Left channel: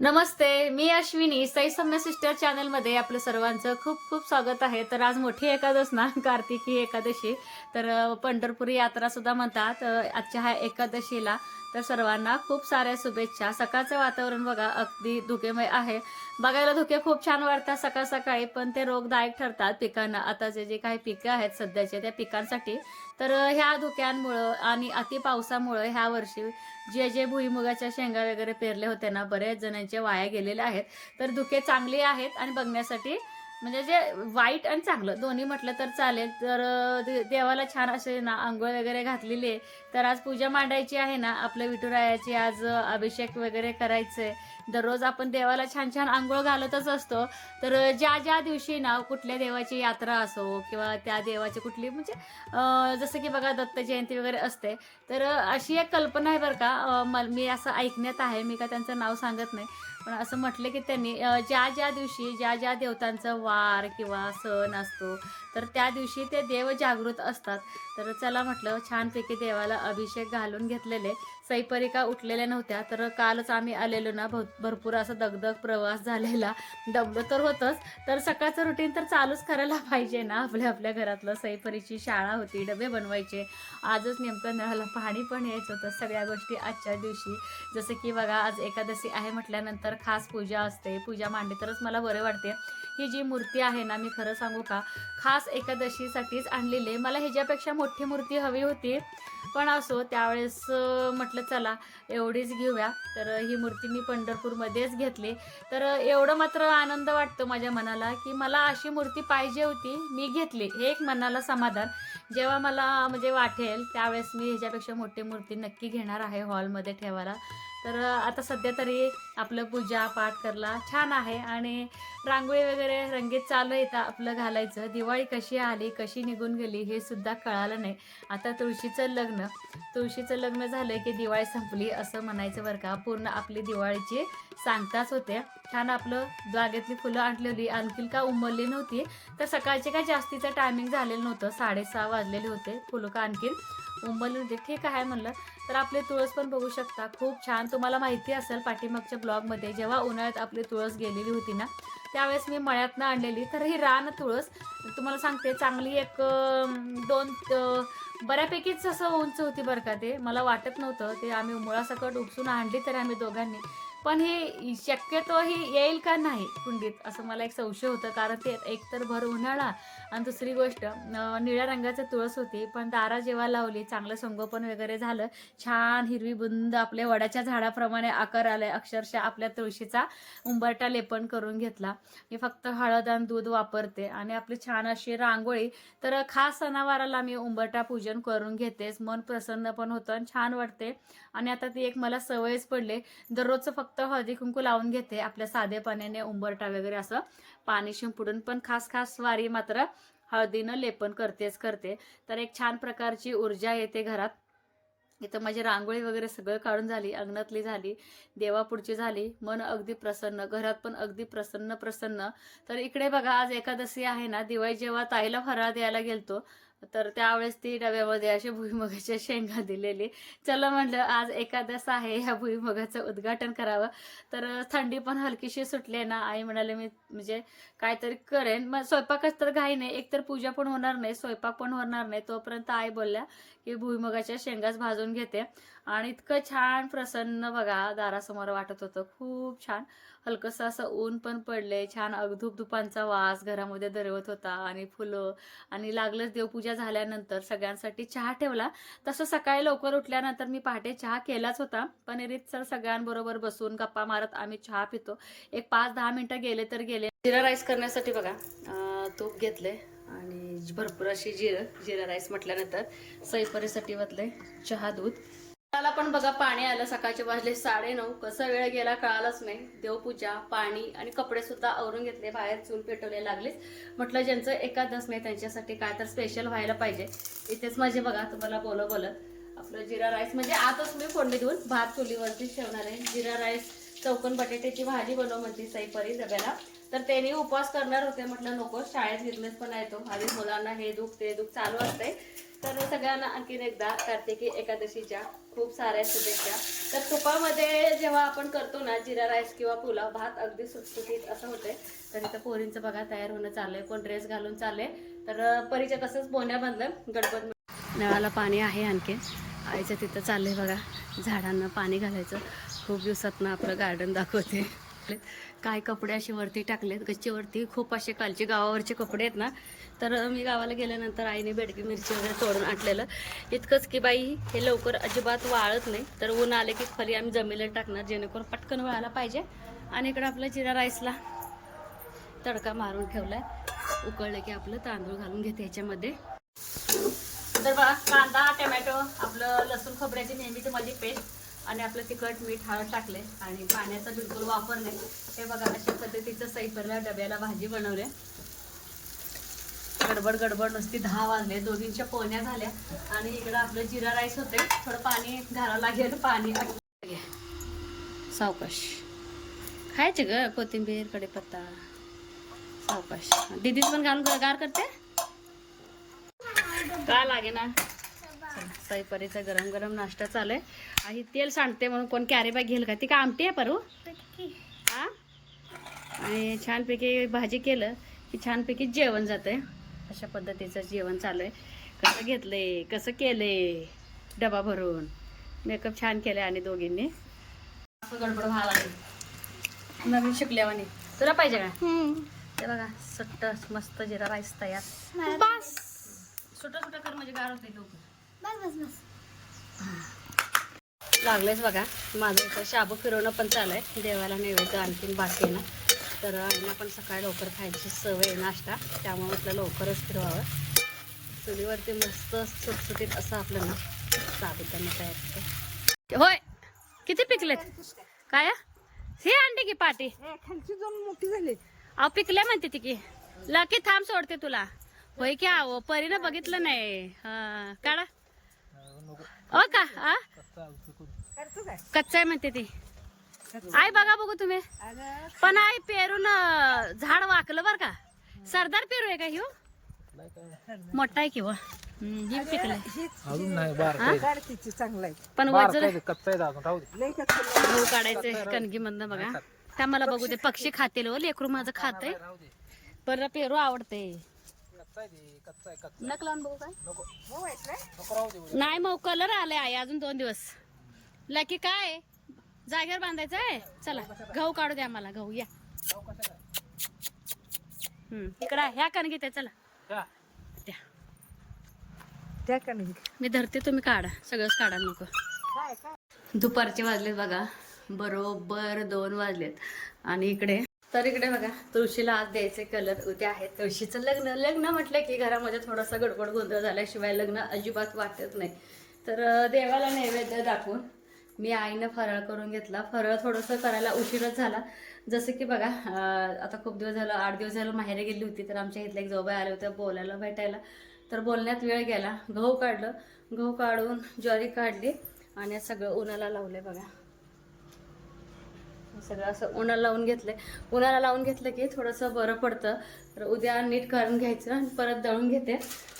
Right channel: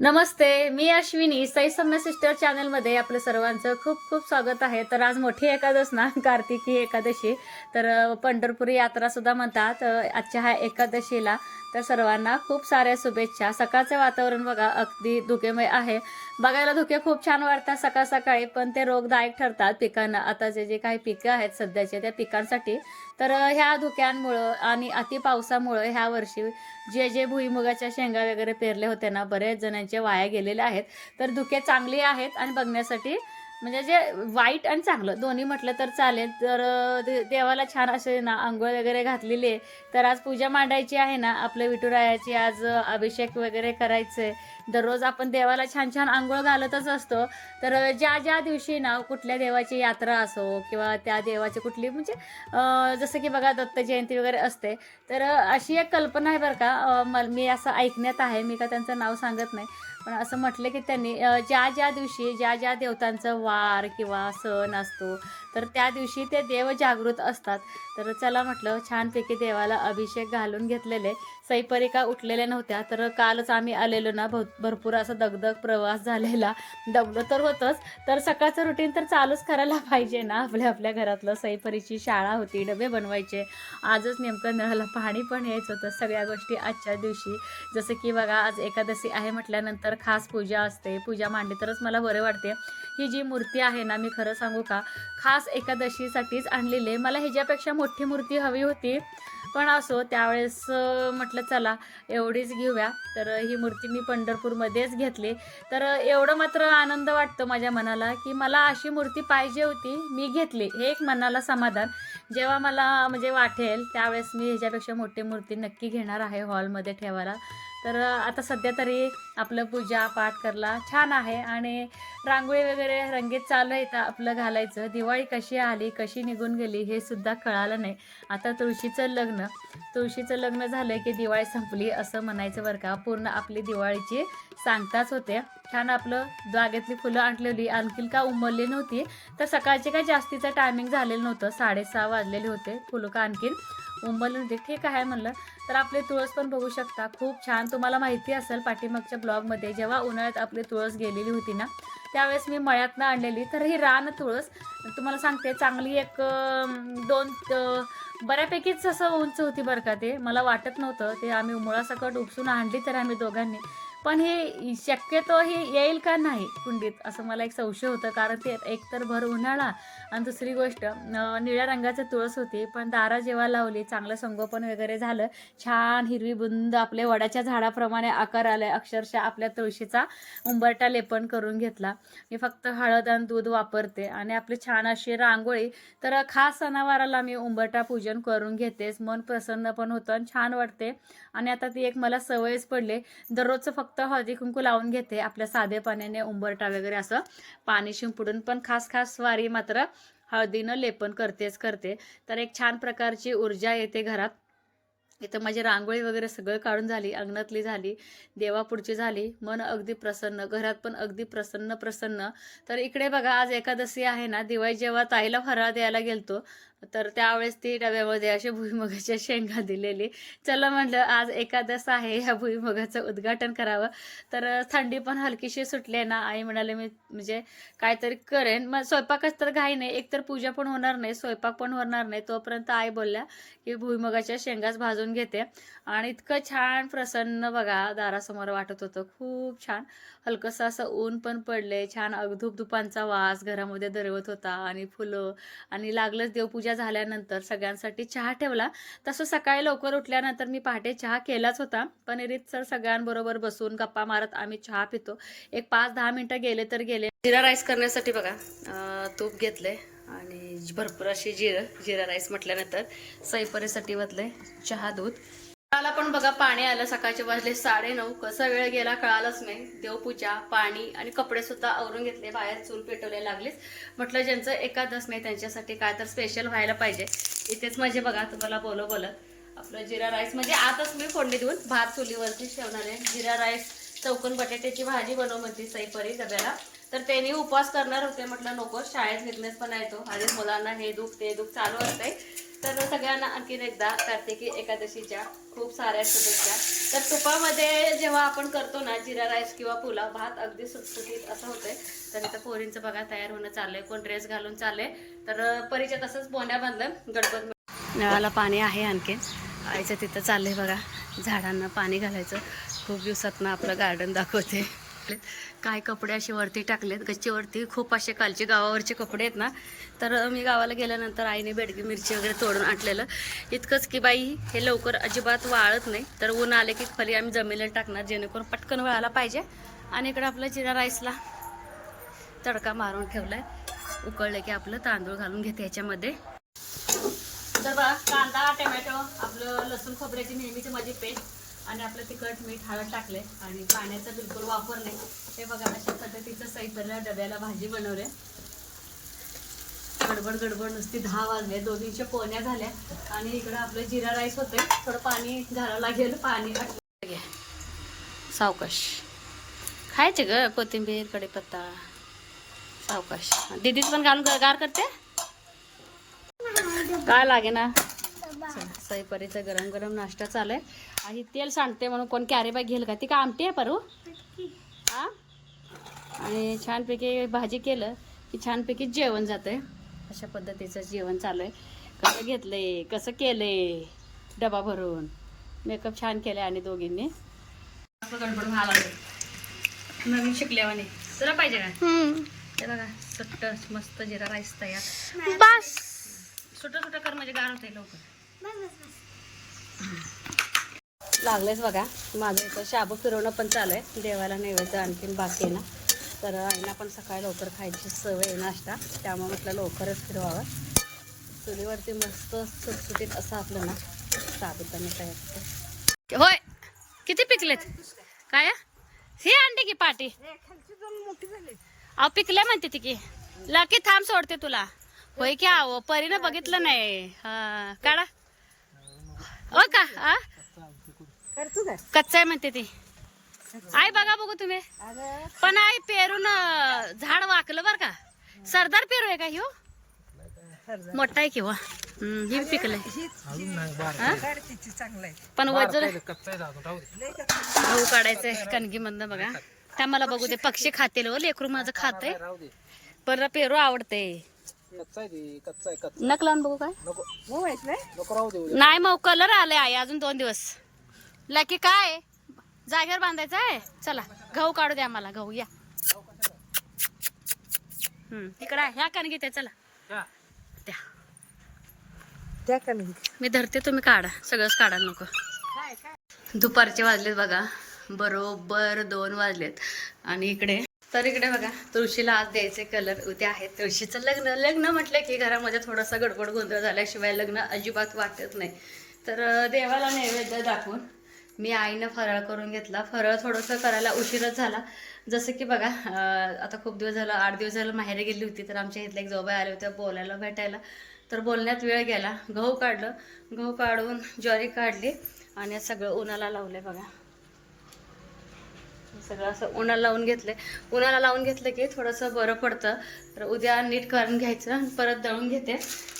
नमस्ते, मी Ashwini Sai सम्य sister चॅनलमध्ये आपलं सर्वांचं खूप खूप स्वागत आहे. तर आज मोठी एकादश ना, कार्तिकी एकादशी. तर पंढरपुरी यात्रा सुद्धा म्हणतात. आजच्या ह्या एकादशीला तर सर्वांना खूप साऱ्या शुभेच्छा. सकाळचं वातावरण बघा अगदी धुकेमय आहे. बघायला धुके खूप छान वाटतात सकाळ सकाळी, पण ते रोगदायक ठरतात पिकांना. आता जे काही पिकं आहेत सध्याचे त्या पिकांसाठी. तर ह्या धुक्यांमुळं आणि अति पावसामुळं ह्या वर्षी जे भुईमुगाच्या शेंगा वगैरे पेरले होते ना, बरेच जणांचे वाया गेलेले आहेत. तर धुके चांगली आहेत आणि बघण्यासाठी म्हणजे जे वाईट आणि चांगलं दोन्ही म्हटलं तर चालेल. तर देवाला छान असे ना अंघोळ वगैरे घातलेली आहे. तर आज पूजा मांडायची आहे ना आपल्या विठुरायाची. आज अभिषेक वगैरे करायचं. दररोज आपण देवाला छान छान अंघोळ घालतच असतो. तर ज्या ज्या दिवशी ना कुठल्या देवाची यात्रा असो किंवा त्या देवाची कुठली म्हणजे जसं की बघा दत्त जयंती वगैरे असते. तर अशी एक कल्पना आहे बरं का. मी असं ऐकण्यात आहे, मी का त्यांचं नाव सांगत नाही, पण असं म्हटलं की त्यांनी ज्या ज्या दिवशी ज्या ज्या देवतांचा वार किंवा सण असतो तर त्या दिवशी ते देव जागृत असतात. तर चला म्हटलं छानपैकी देवाला अभिषेक घालून घेतलेले. सईपरिका उठलेल्या नव्हत्या. तर कालच आम्ही आलेलो ना, भरपूर असा दगदग प्रवास झालेला. दगदग तर होतंच. तर सकाळचं रुटीन तर चालूच करायला पाहिजे ना आपल्या आपल्या घरातलं. सईपरीची शाळा होती, डबे बनवायचे. आजच नेमकं नळाला पाणी पण यायचं होतं. सगळ्या गोष्टी आजच्या दिवशी. जसं की बघा आज एकादशी आहे म्हटल्यानंतर खास पूजा असते. पूजा मांडली तरच मला बरं वाटते. ही जी मूर्ती आहे ना, मी खरं सांगू का, खास एकादशीसाठीच आणलेली आहे. मला ह्याच्यापेक्षा मोठी मूर्ती हवी होती, पण असो त्यावेळेस म्हटलं चला एवढीच घेऊया. तर ही मूर्ती मी पंढरपूरमध्येच घेतली. तर एवढं मात्र आनंद वाटतो माझ्या मनाला की मला अशी मूर्ती पाहिजे होती, मी घेतली. हे एक मनाला समाधान. जेव्हा मला म्हणजे वाटेल त्यावेळेस मी ह्याच्यापेक्षा मोठी मूर्ती नक्की घेणार आहे हॉलमध्ये ठेवायला. तर आता सध्या तरी आपलं पूजा पाठ करला छान आहे आणि रांगोळी वगैरे रंगीत चालू आहे आपलं घालायचं. दिवाळी कशी आली कशी निघून गेली हे सुद्धा कळालं नाही. आता तुळशीचं लग्न झालं की दिवाळी संपली असं म्हणायचं बरं का. पूर्ण आपली दिवाळीची सांगताच होते. छान आपलं जागेतली फुलं आणलेली आणखीन का उमलली नव्हती. तर सकाळचे काय जास्तीचं टायमिंग झालेलं नव्हतं, 6:30 वाजलेले होते. फुलं का आणखीन उंबरली होती. ठीक आहे म्हणलं. तर आपले तुळस पण बघू शकता खूप छान. तुम्हाला माहिती असेल पाठीमागच्या ब्लॉगमध्ये जेव्हा उन्हाळ्यात आपली तुळस गेलेली होती ना, त्यावेळेस मी मळ्यातनं आणलेली. तर ही रान तुळस तुम्हाला सांगते चांगली एक दोन बऱ्यापैकीच असं उंच होती बरं का. ते मला वाटत नव्हतं. ते आम्ही मुळासकट उपसून आणली तर आम्ही दोघांनी. पण हे शक्यतो ही येईल का नाही कुंडीत असं मला एक संशय होतं. कारण ते एकतर भर उन्हाळा आणि दुसरी गोष्ट निळ्या रंगाचं तुळस होती. पण दारा जेव्हा लावली चांगलं संगोपन वगैरे झालं, छान हिरवी बुंद आपल्या वडाच्या झाडाप्रमाणे आकार आलाय. अक्षरशः आपल्या तुळशीचा उंबरटा लेपन करून घेतला. मी फक्त हळद आणि दूध वापरते आणि आपली छान अशी रांगोळी. तर खास सणावाराला मी उंबरटा पूजन करून घेतेच. मन प्रसन्न पण होतं आणि छान वाटते. आणि आता ती एक मला सवयच पडले. दररोजचं फक्त हळदी कुंकू लावून घेते आपल्या साधे पाण्याने उंबरटा वगैरे असं पाणी शिंपडून. पण खास वारी मात्र हळदीनं लेपन करते. तर एक छान प्रकारची ऊर्जा येते घरात. इथं माझी रांगोळी वगैरे सगळं काढून झाली, अंगणातली झाली, देवापुढची झाली. मन अगदी प्रसन्न, घरात पण अगदी प्रसन्न. तर इकडे बघा आज एकादशी आहे ना, दिवाळी जेव्हा ताईला फराळ द्यायला गेलतो तर त्यावेळेस ती डब्यामध्ये अशी भुईमुगाच्या शेंगा दिलेली. चला म्हटलं आज एकादश आहे, ह्या भुईमुगाचं उद्घाटन करावं. तर थंडी पण हलकीशी सुटली आहे ना, आई म्हणाले मी म्हणजे काहीतरी करेन. मग स्वयंपाकच तर घाई नाही, एकतर पूजा पण होणार नाही, स्वयंपाक पण होणार नाही. तोपर्यंत आई बोलल्या की भुईमुगाच्या शेंगाच भाजून घेते. आणि इतकं छान प्रसन्न बघा दारासमोर वाटत होतं. खूप छान. हलकंसं असं ऊन पण पडले. छान धुपांचा वास घरामध्ये दरवत होता आणि फुलं. आणि लागलंच देवपूजा झाल्यानंतर सगळ्यांसाठी चहा ठेवला. तसं सकाळी लवकर उठल्यानंतर मी पहाटे चहा केलाच होता. पण रीतसर सगळ्यांबरोबर बसून गप्पा मारत आम्ही चहा पितो. एक 5-10 मिनटं गेले तर गेले. जिरा राईस करण्यासाठी बघा तूप घेतलंय आणि भरपूर अशी जिरा राईस म्हटल्यानंतर सईपरीसाठी वतलंय चहा दूध. मला पण बघा पाणी आलं. सकाळचे वाजले 9:30. कसा वेळ गेला कळालंच नाही. देवपूजा पाणी आणि कपडे सुद्धा आवरून घेतले. बाहेर चूल पेटवले लागलीच. म्हटलं ज्यांचं एकादश नाही त्यांच्यासाठी काय तर स्पेशल व्हायला पाहिजे. इथेच माझे बघा तुम्हाला बोलत आपलं जिरा राईस म्हणजे आताच मी फोडणी देऊन भात चुलीवरती ठेवणार आहे. जिरा राईस चौकन बटाट्याची भाजी बनव म्हणते सईपरी डब्याला. तर त्यांनी उपवास करणार होते. म्हटलं नको, शाळेत बिझनेस पण आहे तो. आधी मुलांना हे दुख ते दुख चालू असतंय. तर सगळ्यांना आणखीन एकदा कार्तिकी एकादशीच्या खूप साऱ्या शुभेच्छा. तर तुपामध्ये जेव्हा आपण करतो ना जिरा राईस किंवा पुलाव भात अगदी सुटसुटीत असं होतंय. तर इथं पोरींचं बघा तयार होणं चाललंय, कोण ड्रेस घालून चाललंय. तर परीच्या तसंच बोंड्या बांधलं. गणपत नळाला पाणी आहे आणखीन. आईचं तिथं चाललंय बघा झाडांना पाणी घालायचं. खूप दिवसातनं आपलं गार्डन दाखवते. काय कपडे असे वरती टाकलेत गच्चीवरती, खूप असे कालचे गावावरचे कपडे आहेत ना. तर मी गावाला गेल्यानंतर आईने बेडगी मिरची वगैरे तोडून आणलेलं. इतकंच की बाई हे लवकर अजिबात वाळत नाही. तर ऊन आले की खाली आम्ही जमिनीला टाकणार जेणेकरून पटकन वळायला पाहिजे. आणि इकडं आपलं जिरा राईसला तडका मारून ठेवलाय. उकळलं की आपलं तांदूळ घालून घेते याच्यामध्ये. तर बघा कांदा टोमॅटो आपलं लसूण खोबऱ्याची नेहमीची माझी पेस्ट आणि आपलं तिखट मीठ हळद टाकले आणि पाण्याचा बिलकुल वापर नाही. हे बघा अशा पद्धतीचं सैपरला डब्याला भाजी बनवल्या. गडबड गडबड नुसती 10 वाजले, दोघींच्या पोहण्या झाल्या. आणि इकडं आपलं जिरा राईस होते, थोडं पाणी घालावं लागेल. पाणी घ्या सावकाश खायचे ग, कोथिंबीर कढीपत्ता सावकाश. दीदीच पण घालून गार करते काय लागे ना. चला सईपरीचा गरम गरम नाश्ता चालू आहे. आणि तेल सांडते म्हणून कोण कॅरी बॅग घेईल का? ती का आमटी आहे परू हा. आणि छानपैकी भाजी केलं की छानपैकी जेवण जातंय. अशा पद्धतीचं जेवण चालू आहे. कसं घेतलंय कसं केलंय डबा भरून. मेकअप छान केलं आणि दोघींनी गडबड व्हायला लागली नवीन शिकल्यावानी. तुला पाहिजे का? ते बघा सट्ट मस्त जिरा राईस तयार. बस छोटं छोटं कर म्हणजे गार होते लवकर. लागलेच बघा माझं इथं शाबू फिरवणं पण चालू आहे. देवाला नैवेद्य आणखीन बाकी आहे ना. तर आईना पण सकाळी लवकर खायची सवय आहे नाश्ता, त्यामुळे म्हटलं लवकरच फिरवावं. चुलीवरती मस्त सुटसुटीत असं आपलं ना साबुदाणा तयार होते. होय किती पिकलेत काय हे अंडे की पाटी अहो पिकल्या म्हणते ती की लकी थांब सोडते तुला. होय की आहो परीनं बघितलं नाही. हा काढा हो का. हा कच्चा आहे म्हणते ती आई. बघा बघू तुम्ही पण आई पेरून झाड वाकलं बर का. सरदार पेरू आहे का ह्यो? मोठा आहे किंवा ही पिकलंय पण वजन गहू काढायचंय कणगी मधनं बघा. त्या मला बघू दे पक्षी खातील हो लेकरू माझं खाते. पर पेरू आवडते. नक लावून बघू काय नाही मग कलर आलाय आई अजून 2 दिवस. लकी काय जागेवर बांधायचं आहे. चला गहू काढू द्या मला. गहू या इकडं ह्या कणगी ते चला त्या कणगी मी धरते तुम्ही काढा. सगळंच काढा नको. दुपारचे वाजलेत बघा बरोबर 2 वाजलेत. आणि इकडे बघा तुळशीला आज द्यायचे कलर. उद्या आहे तुळशीचं लग्न. लग्न म्हटलं की घरामध्ये थोडासा गडबड गोंधळ झाल्याशिवाय लग्न अजिबात वाटत नाही. तर देवाला नैवेद्य दाखवून मी आईनं फराळ करून घेतला. फराळ थोडंसं करायला उशीरच झाला. जसं की बघा आता खूप दिवस झालं 8 दिवस झालं माहेरी गेली होती. तर आमच्या इथल्या एक जाऊबाई आल्या होत्या बोलायला भेटायला. तर बोलण्यात वेळ गेला. गहू काढलं. गहू काढून ज्वारी काढली आणि सगळं उन्हाला लावलंय बघा. सगळं असं उन्हाला लावून घेतलंय. उन्हाला लावून घेतलं की थोडंसं बरं पडतं. तर उद्या नीट करून घ्यायचं आणि परत दळून घेते.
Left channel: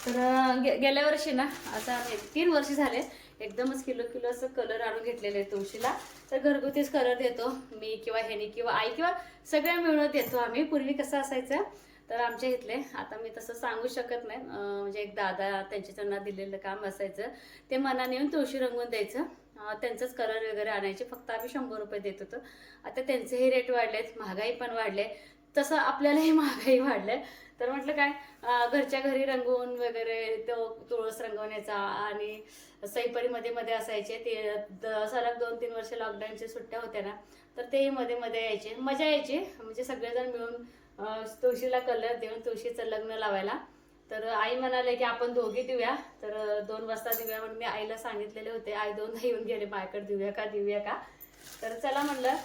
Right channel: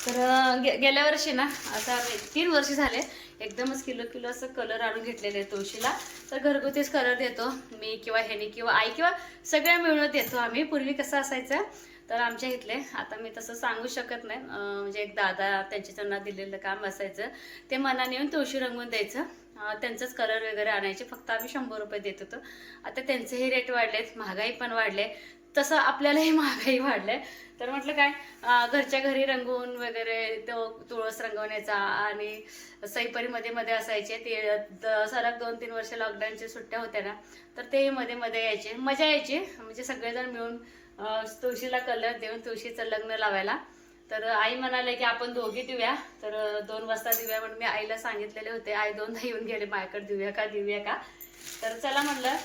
तर गेल्या वर्षी ना आता 3 वर्ष झाले एकदमच किलो असं कलर आणून घेतलेले तुळशीला. तर घरगुतीच कलर देतो मी किंवा ह्यानी किंवा आई किंवा सगळ्या मिळून देतो आम्ही. पूर्वी कसं असायचं तर आमच्या इथले आता मी तसं सांगू शकत नाही. म्हणजे एक दादा त्यांना दिलेलं काम असायचं. ते मनाने येऊन तुळशी रंगवून द्यायचं. त्यांचंच कलर वगैरे आणायचे. फक्त आम्ही 100 रुपये देत होतो. आता त्यांचेही रेट वाढलेत. महागाई पण वाढले. तसं आपल्यालाही महागाई वाढले. तर म्हटलं काय घरच्या घरी रंगवून वगैरे तो तुळस रंगवण्याचा. आणि सईपरीमध्ये मध्ये असायचे ते सलग 2-3 वर्ष लॉकडाऊनच्या सुट्ट्या होत्या ना. तर ते मध्ये यायचे मजा यायची. म्हणजे सगळेजण मिळून तुळशीला कलर देऊन तुळशीचं लग्न लावायला. तर आई म्हणाले की आपण दोघी देऊया. तर 2 वाजता देऊया म्हणून मी आईला सांगितलेले होते. आई 2दा येऊन गेले माझ्याकडे देऊया का. तर चला म्हणलं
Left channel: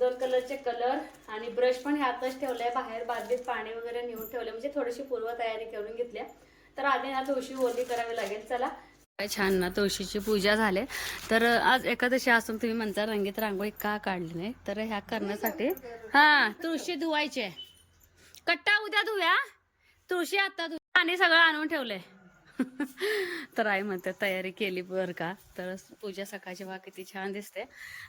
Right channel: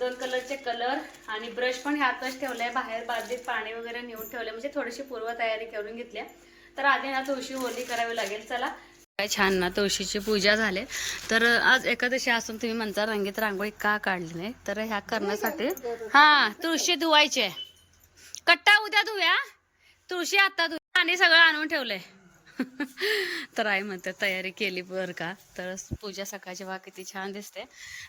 2 कलरचे कलर आणि ब्रश पण ह्यातच ठेवलाय. बाहेर बादलीत पाणी वगैरे नेऊन ठेवले. म्हणजे थोडीशी पूर्वतयारी करून घेतली. तर आधी ना तुळशी होली करावी लागेल. चला काय छान ना तुळशीची पूजा झाली. तर आज एकादशी असून तुम्ही म्हणता रंगीत रांगोळी का काढली नाही. तर ह्या करण्यासाठी तुळशी धुवायची. कट्टा उद्या धुव्या. तुळशी आता धुव्या. आणि सगळं आणून ठेवलंय. तर आई म्हणते तयारी केली बरं का. तर पूजा सकाळची बघा किती छान दिसते.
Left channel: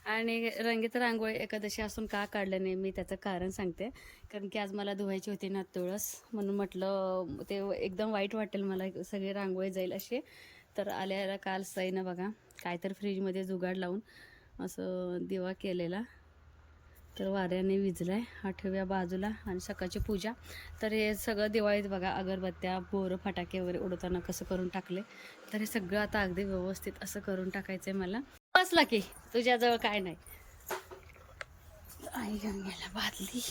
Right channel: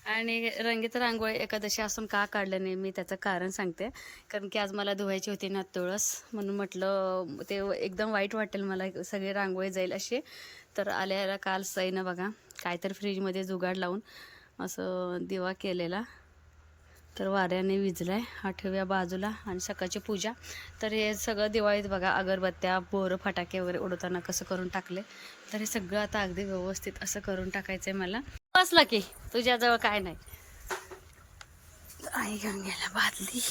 आणि रंगीत रांगोळी एकादशी असून का काढलं नाही मी त्याचं कारण सांगते. कारण की आज मला धुवायची होती ना तुळस, म्हणून म्हटलं ते एकदम वाईट वाटेल मला, सगळी रांगोळी जाईल अशी. तर आल्याला काल सईनं बघा काहीतरी फ्रीजमध्ये जुगाड लावून असं दिवा केलेला, तर वाऱ्याने विजलाय. आठव्या बाजूला आणि सकाळची पूजा. तर हे सगळं दिवाळीत बघा अगरबत्त्या, बोरं, फटाके वगैरे उडवताना कसं करून टाकले. तर हे सगळं आता अगदी व्यवस्थित असं करून टाकायचंय मला. बसला की तुझ्याजवळ काय नाही. आई घेऊन गेला बादली.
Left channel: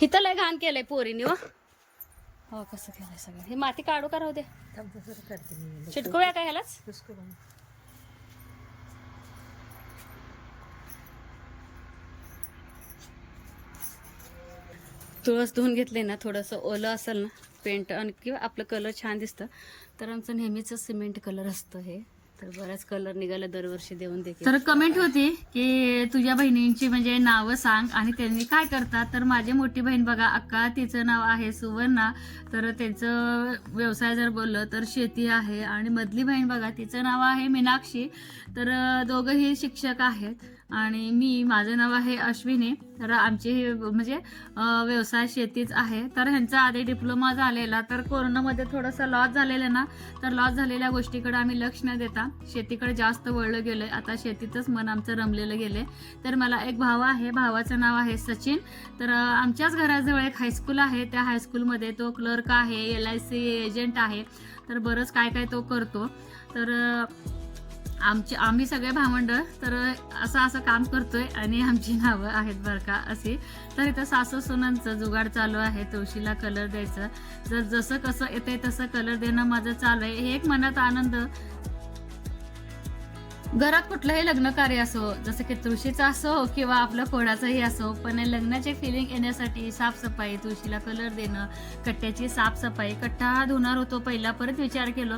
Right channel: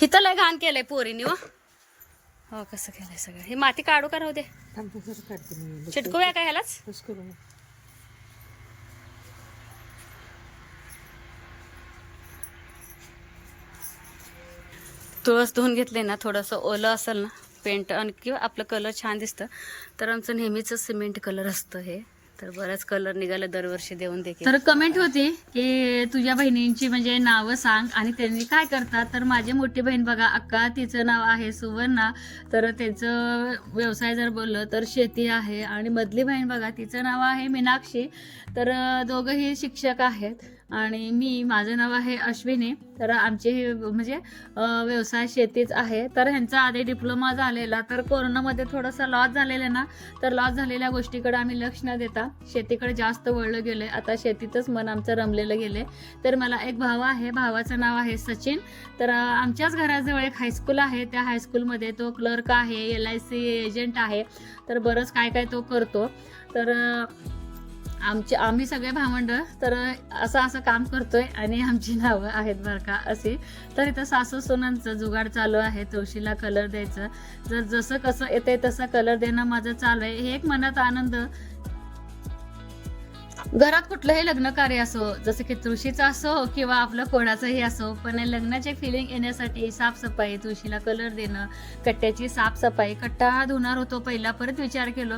हिथं लय घाण केलंय पोरीनी. हो कसं केलंय सगळं. हे माती काढू का राहू दे, चिटकूया का ह्यालाच. तुळस धुवून घेतले ना, थोडंसं ओलं असेल ना पेंट आणि किंवा आपलं कलर छान दिसतं. तर आमचं नेहमीच सिमेंट कलर असतं हे. तर बऱ्याच कलर निघाले दरवर्षी देऊन देखील. तर कमेंट होती की तुझ्या बहिणींची म्हणजे नावं सांग आणि त्यांनी काय करतात. तर माझी मोठी बहीण बघा अक्का, तिचं नाव आहे सुवर्णा. तर त्याचं व्यवसाय जर बोललं तर शेती आहे. आणि मधली बहीण बघा तिचं नाव आहे मीनाक्षी. तर दोघंही शिक्षक आहेत. आणि माझं नाव आहे अश्विनी. तर आमचे म्हणजे व्यवसाय शेतीच आहे. तर ह्यांचा आधी डिप्लोमा झालेला, तर कोरोनामध्ये थोडंसं लॉस झालेलं ना, तर लॉस झालेल्या गोष्टीकडे आम्ही लक्ष न देता शेतीकडे जास्त वळलं गेलोय. आता शेतीतच मन आमचं रमलेलं गेले. तर मला एक भाऊ आहे, भावाचं नाव आहे सचिन. तर आमच्याच घराजवळ एक हायस्कूल आहे, त्या हायस्कूलमध्ये तो क्लर्क आहे, LIC एजंट आहे. तर बरंच काय काय तो करतो. तर आम्ही सगळे भावंडं तर असं काम करतोय. आणि आमची नावं आहेत बरं का अशी. तर इथं सासू सुनांचं जुगाड चालू आहे, तुळशीला कलर द्यायचं. जर जसं कसं येतंय तसं कलर देणं माझं चालू आहे. हे एक मनात आनंद. घरात कुठलंही लग्न कार्य असो, जसं की तुळशीचं असो किंवा आपलं कोणाचंही असो, पण लग्नाचे फिलिंग येण्यासाठी साफसफाई, तुळशीला कलर देणं, कट्ट्याची साफसफाई. कट्टा धुणार होतो पहिला, परत विचार केलो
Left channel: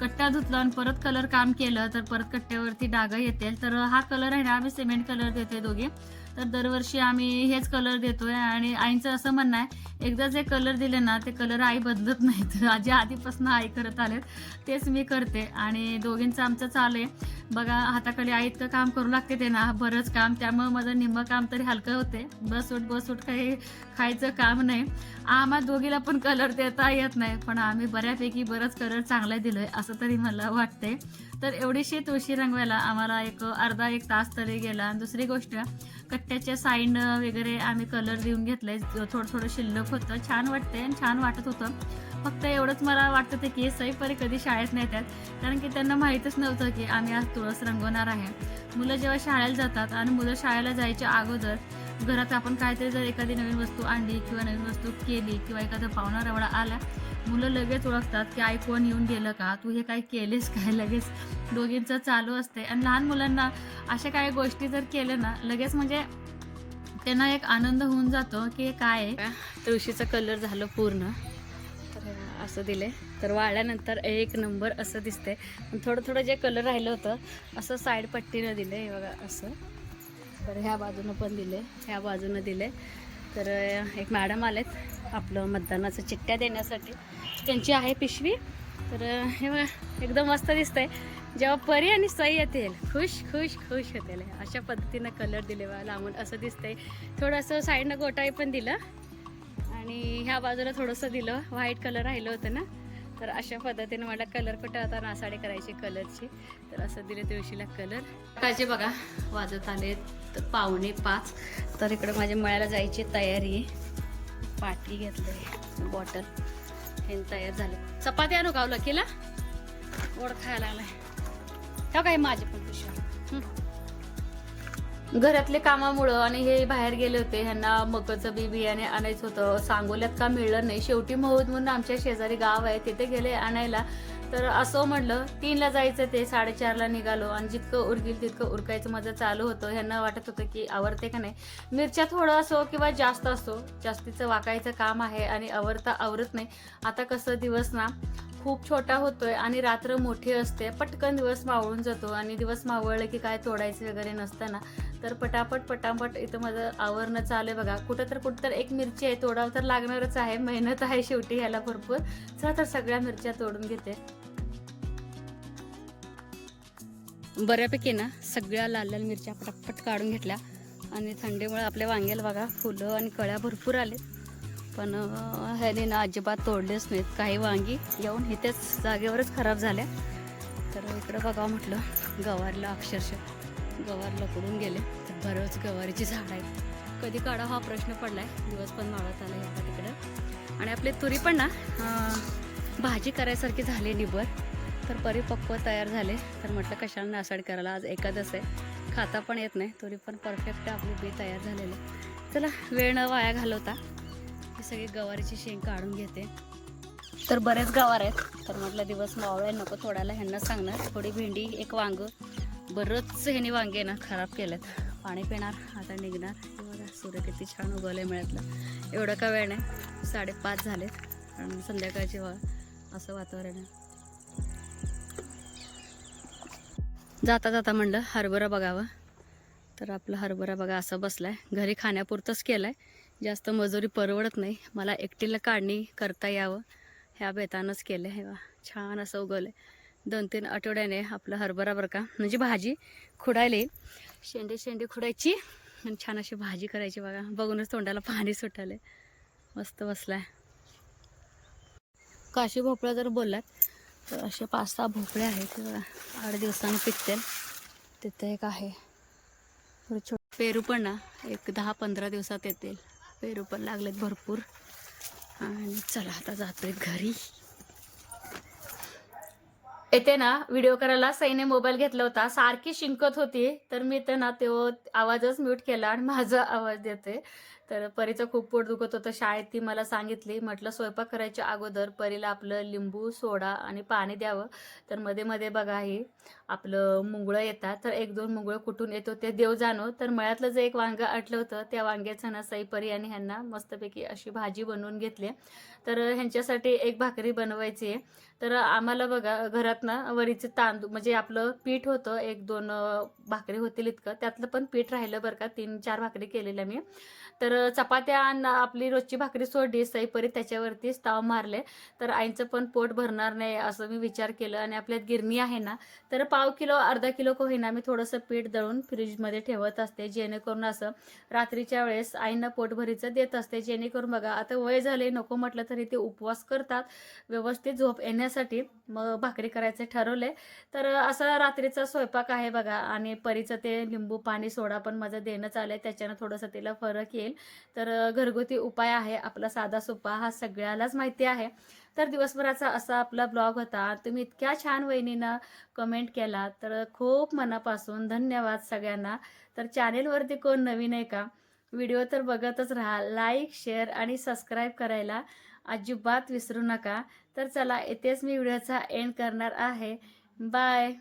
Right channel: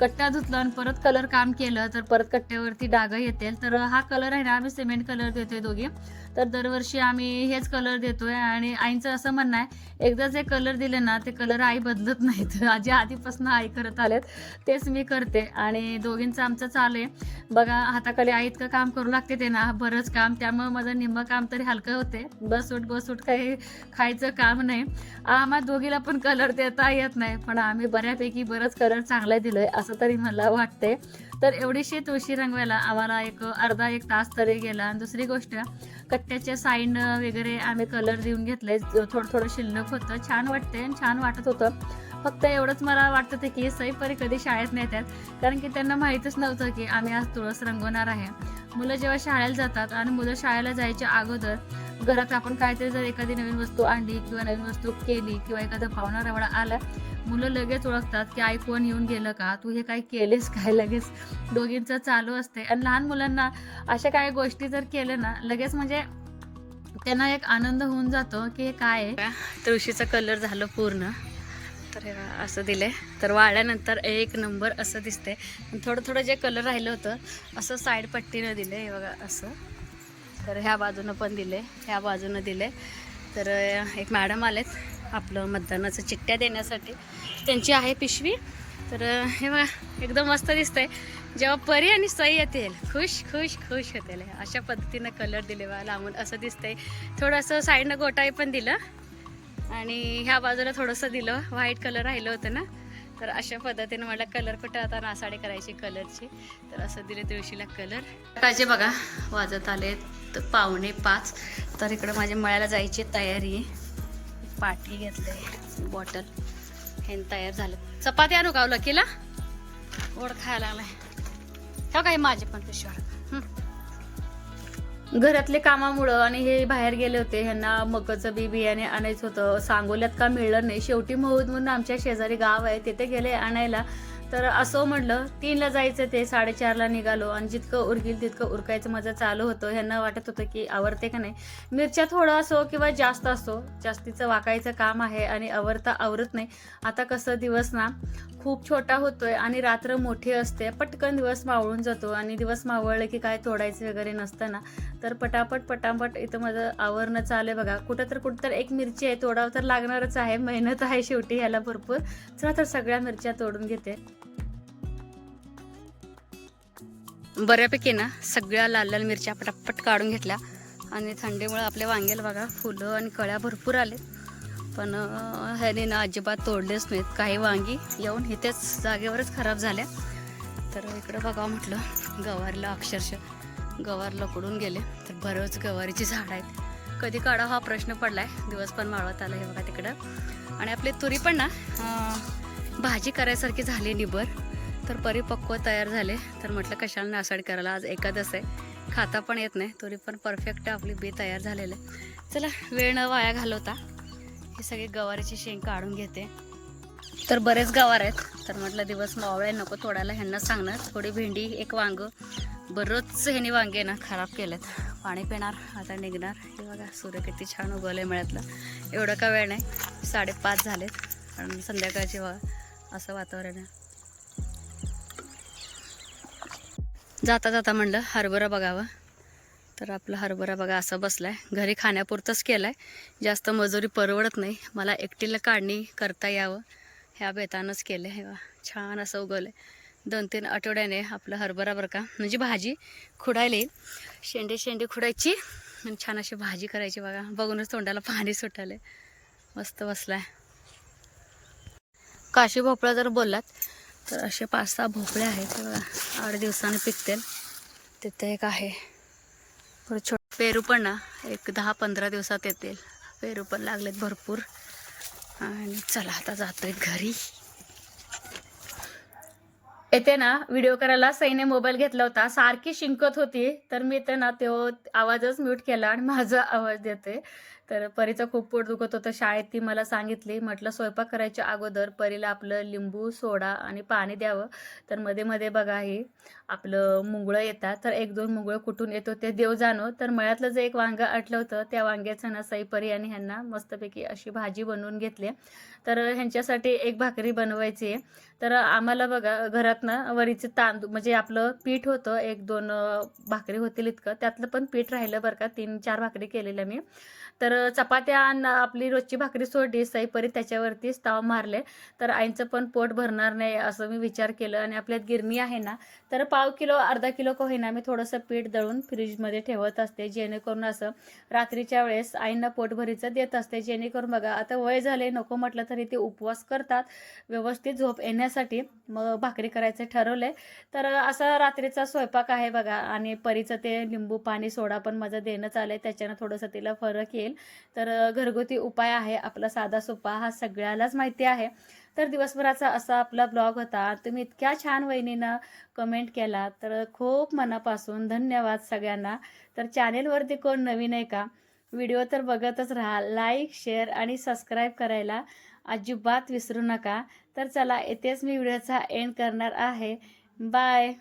कट्टा धुतला आणि परत कलर काम केलं तर परत कट्ट्यावरती डाग येतील. तर हा कलर आहे ना, आम्ही सिमेंट कलर देतोय दोघे. तर दरवर्षी आम्ही हेच कलर देतोय. आणि आईंचं असं म्हणणं आहे, एकदा जे कलर दिले ना ते कलर आई बदलत नाही. तर जे आधीपासून आई करत आलेत तेच मी करते. आणि दोघींचं आमचं चालू आहे बघा. हाताखाली आई इतकं काम करू लागते ते ना, बरंच काम. त्यामुळे माझं निम्मं काम तरी हलकं होते. बस उठ काही खायचं काम नाही. आम्हा दोघीला पण कलर देता येत नाही, पण आम्ही बऱ्यापैकी बरंच कलर चांगला दिलोय असं तरी मला वाटते. तर एवढीशी तुळशी रंगवायला आम्हाला एक अर्धा एक तास तरी गेला. आणि दुसरी गोष्ट, कट्ट्याच्या साईड वगैरे आम्ही कलर देऊन घेतलंय. थोडं शिल्लक होतं, छान वाटते आणि छान वाटत होतं. फक्त एवढंच मला वाटत होतं की सईपरी कधी शाळेत नाही येतात, कारण की त्यांना माहीतच नव्हतं की आम्ही आज तुळस रंगवणार आहे. मुलं जेव्हा शाळेला जातात आणि मुलं शाळेला जायच्या अगोदर घरात आपण काहीतरी जर एखादी नवीन वस्तू आणली किंवा नवीन वस्तू केली किंवा एखादा पाहुणा रवडा आला, मुलं लगेच ओळखतात की आई कोण येऊन गेलं का, तू हे काय केलेस काय, लगेच दोघींचं चालू असते. आणि लहान मुलांना अशा काही गोष्टी जर केल्या ना, लगेच म्हणजे त्यांना एक आनंद होऊन जातो की हे काय आहे. तुळशीचा कलर झालं पूर्ण. तर असं दिले. तर वाळल्यानंतर एक नंबर असं दिसते. थोडं जे कलर राहिलं होतं असं साईड पट्टीनं दिले हे बघा असं. तर ह्या बाजूनं पण दिले, ह्या बाजूनं दिले. तर एक मॅडम आलेत आपलं मतदानाचं चिठ्ठ्या देण्यासाठी, त्यांची आहे पिशवी. तर हे बघा एकदम मस्त दिसतंय. जेव्हा परी आणि सई येतील खुश खुश खुश होतील. अशा पद्धतीनं कलर दिले बघा लांबून असं दिसतंय. थोडंसं साईडनं गोटाई पण दिलं आणि ह्या बाजूला थोडंसं दिलं, व्हाईट कलर राहिलं होतं ना. तर अशा पद्धतीने मला कलर कुठं आता नासाडी करायची कलरची. तर असं दिले तुळशीला कलर. कायचे बघा वाजत आले तर 4:45. तर इकडं माझ्या मळ्याला जायची तयारी आहे. पाटी घेतले, बॉटल हे तयार झाले. चपाती आणू का लकीला, गोड खायला लागलाय. हो काय माझे पण पिशव्या. घरातले कामामुळं आणि हे बाहेर गेले होते, ह्यांना मकाचं बी बियाणे आणायचं होतं. सांगोल्यात का मिळलं नाही. शेवटी महूद म्हणून आमच्या शेजारी गाव आहे तिथे गेले आणायला. तर असं म्हटलं 3ला जायचं ते 4:30ला निघालो. आणि जितकं उरकील तितकं उरकायचं माझं चालू होतं. ह्यांना वाटत होतं की आवरते का नाही. मिरच्या थोडं असो किंवा जास्त असो, जास्तीचं वाकायचं काम आहे आणि आवरता आवरत नाही. आता कसं दिवस ना खूप छोटा होतोय आणि रात्र मोठी असते, पटकन दिवस मावळून जातो आणि दिवस मावळले की काय तोडायचं वगैरे नसतं ना, तर पटापट इथं माझं आवरणं चालू आहे बघा. कुठं तर एक मिरची आहे, तोडावं तर लागणारच आहे, मेहनत आहे शेवटी ह्याला भरपूर. चला तर सगळ्या मिरच्या तोडून घेते. बऱ्यापैकी ना सगळ्या लाल लाल मिरच्या पटापट काढून घेतल्या आणि थंडीमुळे आपल्या वांग्याला बघा फुलं आणि कळ्या भरपूर आले, पण ह्याने ना अजिबात तोडलेच नाहीत. काही वांगी येऊन इथेच जागेवरच खराब झाल्या. तर इकडं बघा म्हटलं गवारीला अक्षरशः गवार लकडून गेले, तर बरंच गवारीची झाड आहेत. कधी काढा हा प्रश्न पडलाय, दिवस पण मावळत आला हे बघा तिकडं. आणि आपली तुरी पण ना भाजी करायसारखी झाली निबर, तर परिपक्व तयार झाले. तर म्हटलं कशाला नासाड करायला, आज एकादश आहे, खाता पण येत नाही. तुरी पण परफेक्ट आपली बी तयार झालेले. चला वेळ न वाया घालवता ही सगळी गवारीची शेंग काढून घेते. तर बरेच गवार आहेत, तर म्हटलं दिवस मावळे नको तोडायला, ह्यांना सांगणार. थोडी भेंडी, एक वांग, बरंच ह्याने वांगे ना खराब केलेत. पाणी पिणार आता निघणार. हे बघा सूर्य किती छान उगवलंय मिळतलं. एवढं का वेळ नाही, 5:30 झालेत आणि संध्याकाळचे असं वातावरण आहे. जाता जाता म्हणलं हरभरा बघावं, तर आपला हरभरा बघा असा बसलाय. घरी खाण्यापुरतंच केलाय, जास्त मजुरी परवडत नाही. मला एकटीला काढणी करता यावं ह्या बेतानंच केलं. हे छान असं उगवलंय. 2-3 आठवड्याने आपलं हरभरा बरं का, म्हणजे भाजी खुडायला येईल. शेंडे खुडायची आणि छान अशी भाजी करायची बघा. बघूनच तोंडाला पाणी सुटायलंय. मस्त बसलाय. काशी भोपळा जर बोललात तर असे 5-6 भोपळे आहेत. हे बघा 8 दिवसांनी पिकतील. तिथे एक आहे. छोटे पेरू पण ना एक 10-15 दिवसात येतील. पेरू पण लागलेत भरपूर. आणि चला आता जातोय घरी. येते ना व्हिडिओ करायला सईने मोबाईल घेतला होता, सारखी शिंकत होती, तर मी तर ना तो आवाजच म्यूट केला आणि माझा आवाज देते. तर परीचं खूप पोट दुखत होतं शाळेत, ती मला सांगितली. म्हटलं स्वयंपाक करायच्या अगोदर परीला आपलं लिंबू, सोडा आणि पाणी द्यावं. तर मध्ये मध्ये बघा ही आपलं मुंगळं येतात, तर 1-2 मुंगळं कुठून येतो ते देव जाणो. तर मळ्यातलं जे एक वांगं आटलं होतं, त्या वांग्याचं ना सई, परी आणि ह्यांना मस्तपैकी अशी भाजी बनवून घेतली. तर ह्यांच्यासाठी एक भाकरी बनवायची आहे. तर आम्हाला बघा घरात ना वरीचे तांदूळ म्हणजे आपलं पीठ होतं, 1-2 भाकरी होतील इतकं, त्यातलं पण पीठ राहिलं बरं का. 3-4 भाकरी केलेल्या मी. तर चपात्या आपली रोजची भाकरी सोडली, सईपरी त्याच्यावरतीच ताव मारले. तर आईंचं पण पोट भरणार नाही असं मी विचार केलं. आणि आपल्यात गिरणी आहे ना, तर 1/2 किलो 1/2 किलो का होईना मी थोडंसं पीठ दळून फ्रीजमध्ये ठेवत असते, जेणेकरून असं रात्रीच्या वेळेस आईंना पोटभरीचं देत असते. जेणेकरून बघा आता वय झाले, नको म्हटलं तरी ते उपवास करतात व्यवस्थित झोप येण्यासाठी. मग भाकरी करायचं ठरवलंय. तर असा रात्रीचा स्वयंपाक आहे बघा. आणि परीचं ते लिंबू पाणी सोडा पण माझं देणं चाललंय, त्याच्यानं थोडंसं तिला फरक येईल. तर घरगुती उपाय आहे आपला साधा सोपा, हा सगळ्यालाच माहिती आहे. तर दिवसभराचा असा आपला ब्लॉग होता. तुम्ही इतक्या छान वहिनीनं कमेंट केला, तर खूप मनापासून धन्यवाद सगळ्यांना. तर चॅनेलवरती कोण नवीन आहे का, व्हिडिओ तर बघतच राहा. लाईक, शेअर आणि सबस्क्राईब करायला अजिबात विसरू नका. तर चला इथेच मी व्हिडिओचा एंड करणार आहे. बाय.